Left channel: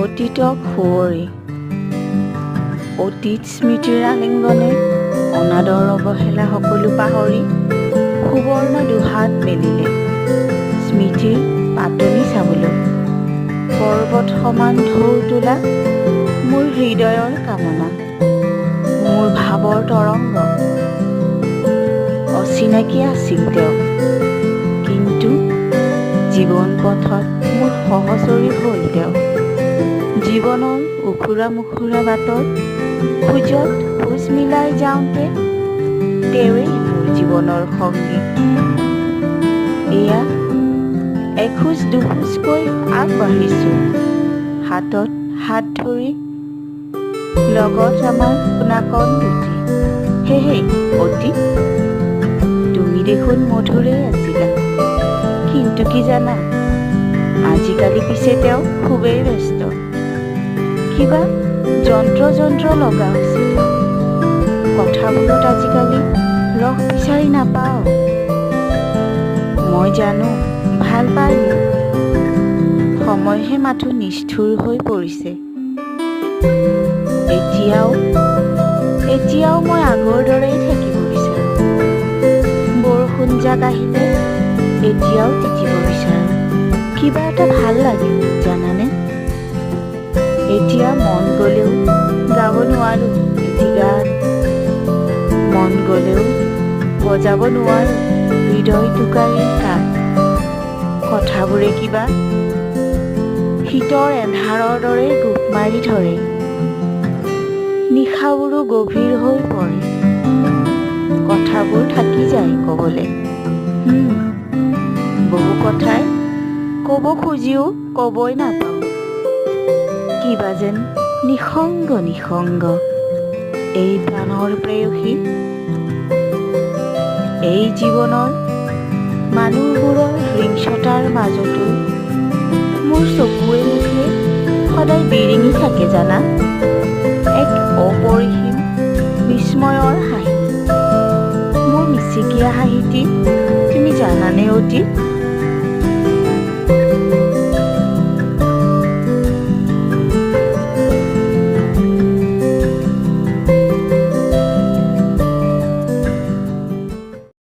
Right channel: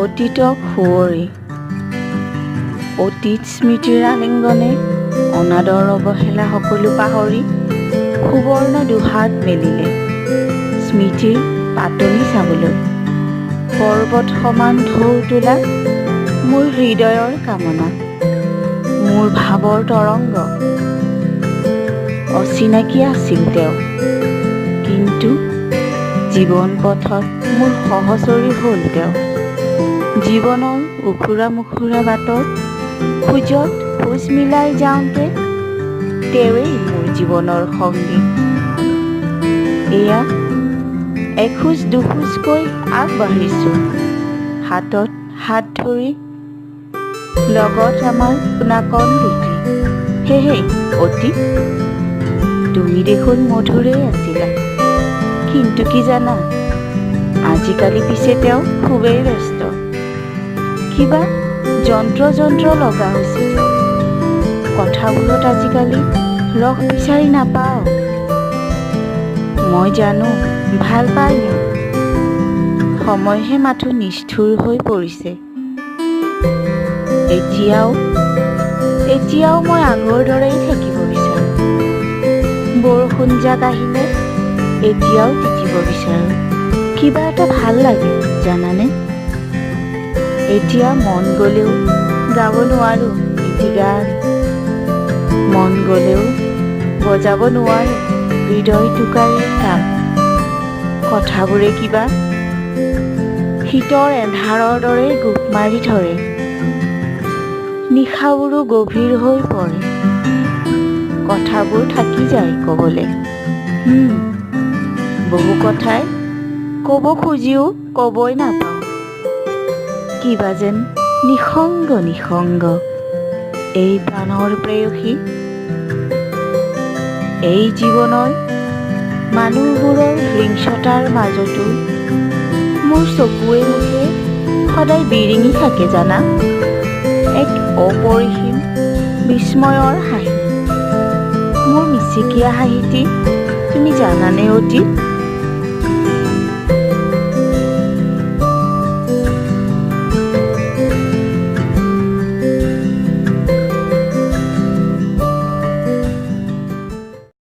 অতীতক সুঁৱৰি অতীত স্মৃতিৰ আলিংগনে অনাদৰ অৱহেলা সকলো পাহৰি সুবৰ্ণ দুহাত মেলিলে স্মৃতিৰ পাতনি চাবলৈ পৰ্বত সমান ঢৌ তোলা মোৰ হৃদয়ৰ কামনা মোৰ ভাৱৰ তৰংগ অচিনাকি আছিল তেওঁ কিন্তু জীৱন পথত মোৰ সহচৰী হ'ল তেওঁ জীৱনৰ উখুৰা মুখুৰা বাটত খোজত খোজ মিলাই যাওঁতে তেওঁৱেই মোৰ জীৱনৰ সংগী এয়া এখোজ দুখোজকৈ আগবাঢ়িছোঁ হাতত হাত ধৰি লগত আমাৰ নাকন দুটি হে অতি তুমি দেখোন মধুৰেই আছিলা কিন্তু কি জানা আজিকালি পিছে তেওঁ খুবেই ব্যস্ত কিবা যন্ত্ৰ লগা হৈছে তেওঁ কথাবোৰত আজিকালি ৰস বিচাৰি নাপাওঁ মই জানো ভাল পাই মোক সময়হে মাথো নিষ্ঠুৰ হৈ পৰিছে এতিয়াও মই আগৰ দৰেই থাকিব বিচাৰোঁ বৰষুণ জাক আহিলে এতিয়াও তিতিব বিচাৰোঁ কিবা এটা ভাল লাগে জানানে এতিয়া মন গ'লেও গাব নোৱাৰোঁ এটি গান মন গ'লেও বজাব নোৱাৰোঁ হৃদয় টোকাৰীৰ তাল কথাবোৰে কিবা শীতৰ এন্ধাৰৰ দৰে গোপ মাৰি ধৰে নিশাবোৰো গভীৰ হৈ পৰে কথাবোৰ থাকি যায় ক'বলৈ বহু কথাই ক'ব খুজিও ক'বই নাপাওঁ কিবা যেন নিসংগ এই প্ৰাণৰ প্ৰেয়সী এই জীৱনৰ মানুহবোৰৰ হিংসতাৰ মাজতো মোৰ চকুৱে মুখে সদায় বিৰিঙি থাকে জানা এক অপৰিসীম বিস্ময়ৰ হাঁহি মোৰ মিচিকীয়া হাঁহিটি তুমি জানানে অতি